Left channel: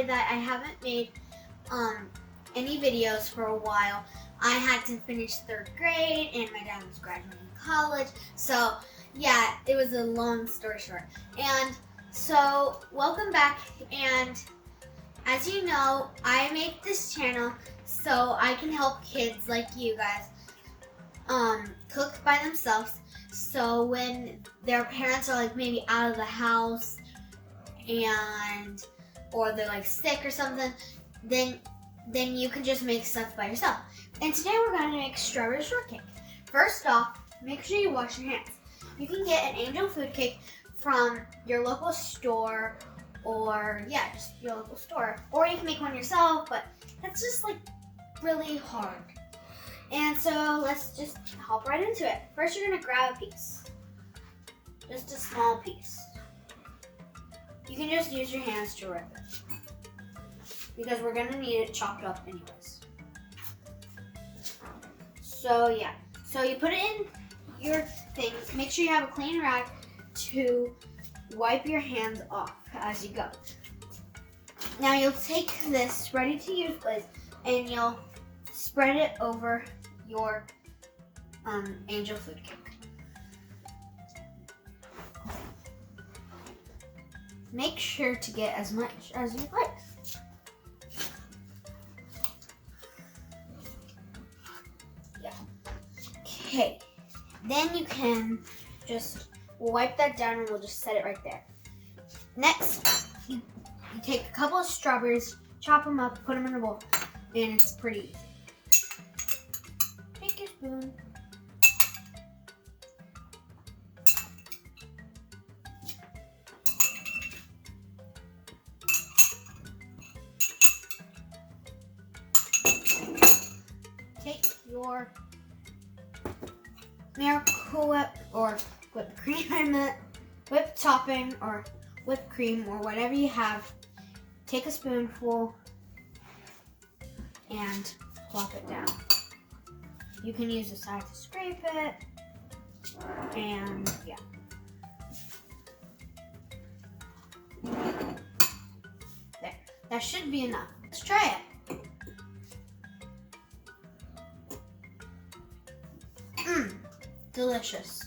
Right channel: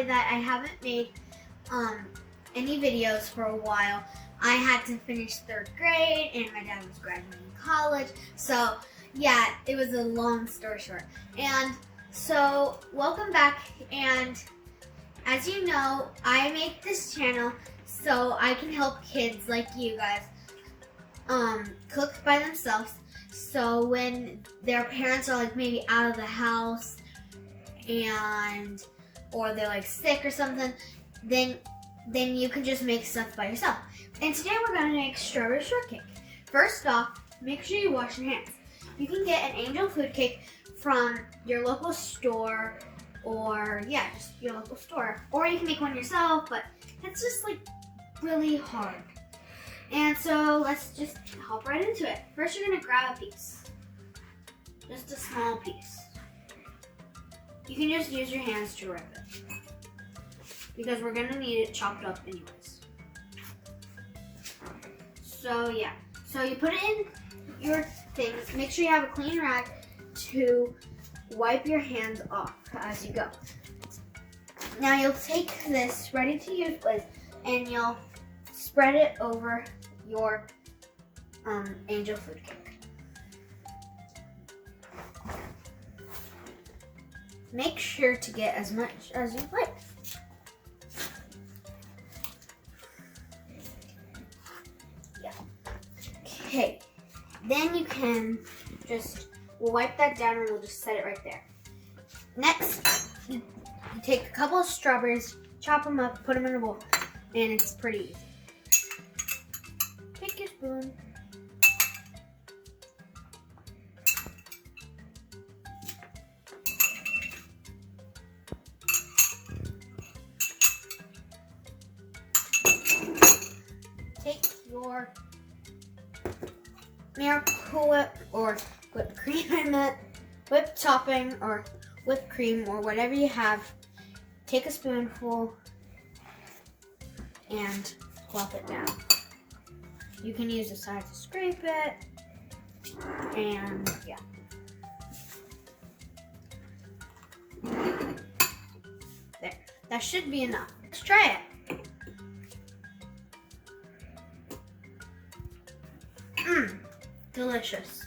sorry that I haven't made any videos for a while. I had to finish 3rd grade and my dad was graduating college. So yeah, it was a long story short. And so welcome back, and as you know, I make this channel so I can help kids like you guys cook by themselves. So when their parents are like maybe out of the house or they're like sick or something, then you can just make stuff by yourself. And today we're gonna make strawberry shortcake. First off, make sure you wash your hands. You can get an angel food cake from your local store, or just your local store. Or you can make one yourself, but it's just like really hard. And so let's just hop right into it. First, you're gonna grab a piece. Just a small piece. You can just use your hands to rip it, because we're gonna need it chopped up anyways. So yeah, so you put it in your thing. Make sure you have a clean rag to wipe your hands off as you go. Now you'll take this ready to use glaze and you'll spread it over your angel food cake. Make sure to get as much as you like. Yeah. Okay. Then you can we'll wipe that down and we'll just set it right there. Next, you take a couple of strawberries, chop them up, put them in a bowl, and it's pretty easy. Take your spoon. Take your Miracle Whip or whipped cream in it, whipped topping or whipped cream or whatever you have. Take a spoonful and plop it down. You can use the side to scrape it, and yeah. There, that should be enough. Let's try it. Delicious.